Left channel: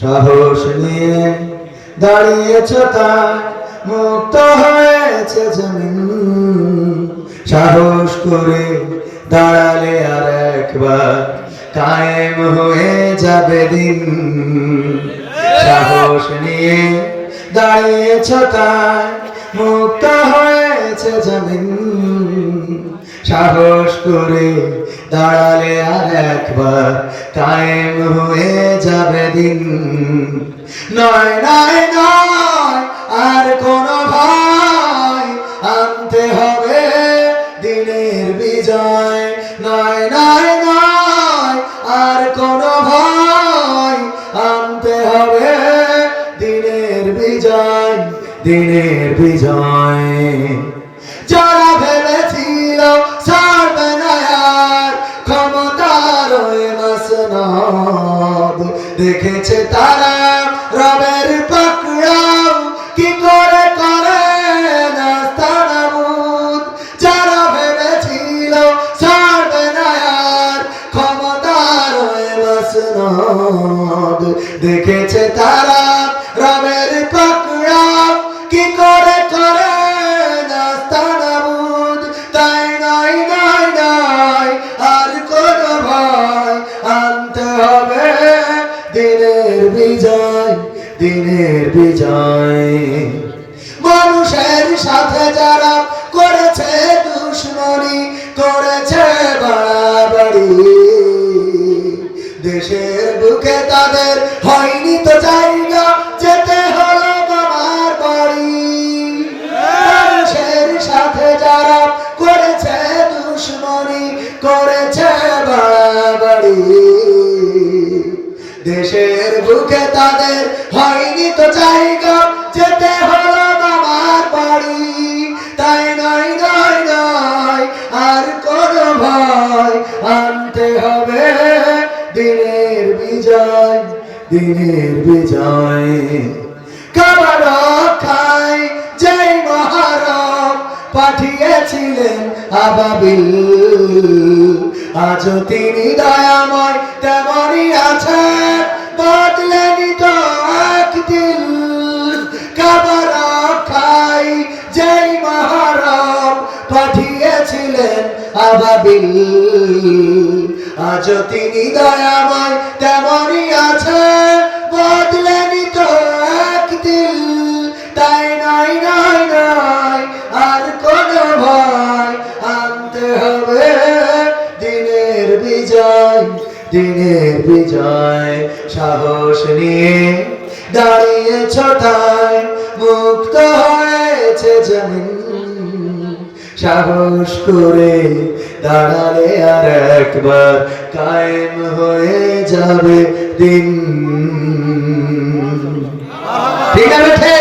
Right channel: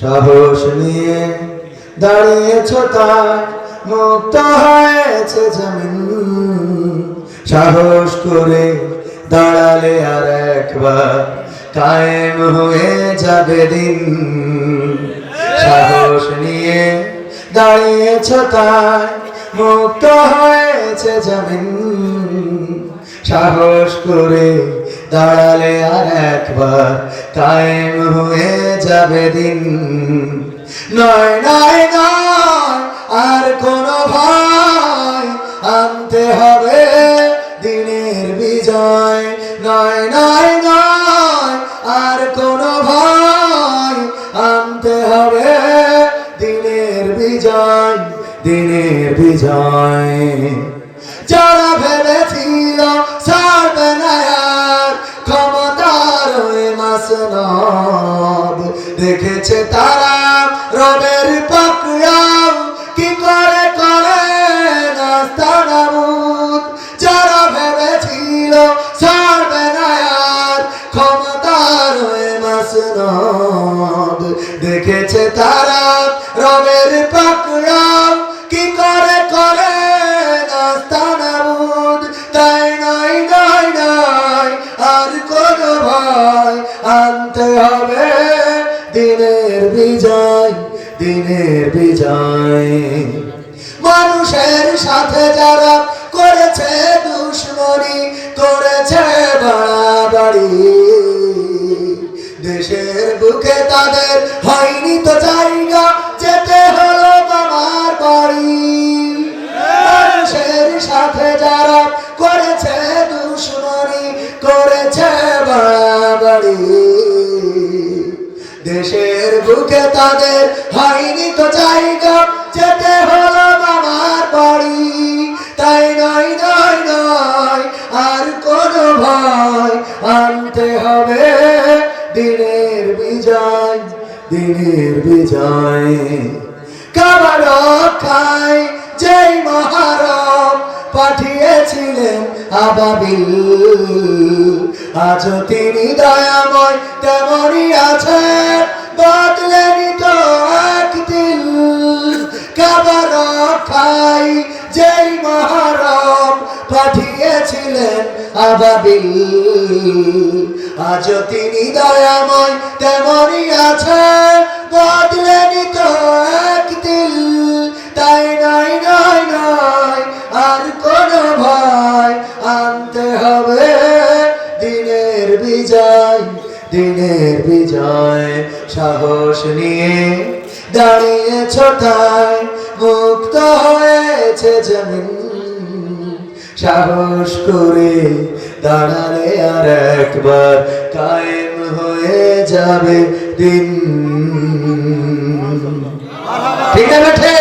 সাহস নিয়ে দাঁড়িয়েছ তাই মুক্ত হয়েছে জমিন। সাহস করে দাঁড়ালে আর একবার কায়েম হয়ে যাবে দিন। সাহস নিয়ে দাঁড়িয়েছ তাই মুক্ত হয়েছে জমিন। সাহস করে দাঁড়ালে আর একবার কায়েম হয়ে যাবে দিন। নয় নয় নয় আর কোন ভয়, আনতে হবে দিনের বিজয়। নয় নয় নয় আর কোন ভয়, আনতে হবে দিনের বিজয়, দিনের বিজয়। যারা ভেবেছিল ছাড়বে না আর ক্ষমতার ওই মাসনদ, দেখেছে তারা রবের পাকড়াও কি করে করে নাস্তানাবুদ। যারা ভেবেছিল ছাড়বে না আর ক্ষমতার ওই মাসনদ, দেখেছে তারা রবের পাকড়াও কি করে করে নাস্তানাবুদ। তাই নয় নয় নয় আর কোন ভয়, আনতে হবে দিনের বিজয়, দিনের বিজয়। মানুষের সাথে যারা করেছে দুশ্মনী, করেছে বাড়াবাড়ি, দেশের বুকে তাদের হয়নি তো জায়গা, যেতে হলো বাবার বাড়ি। মানুষের সাথে যারা করেছে দুশ্মনী, করেছে বাড়াবাড়ি, দেশের বুকে তাদের হয়নি তো জায়গা, যেতে হলো বাবার বাড়ি। তাই নয় নয় নয় আর কোন ভয়, আনতে হবে দিনের বিজয়, দিনের বিজয়। কাবার রক্ষায় যেই মহারব পাঠিয়েছিলেন আবাবিল, আজও তিনি দয়াময় তেমনই আছেন, বদলেনি তো একদিন। কাবার রক্ষায় যেই মহারব পাঠিয়েছিলেন আবাবিল, আজও তিনি দয়াময় তেমনই আছেন, বদলেনি তো একদিন। তাই নয় নয় নয় আর কোন ভয়, আনতে হবে দিনের বিজয়, দিনের বিজয়। সাহস নিয়ে দাঁড়িয়েছ তাই মুক্ত হয়েছে জমিন। সাহস করে দাঁড়ালে আর একবার কায়েম হয়ে যাবে দিন। ঠিক আছে।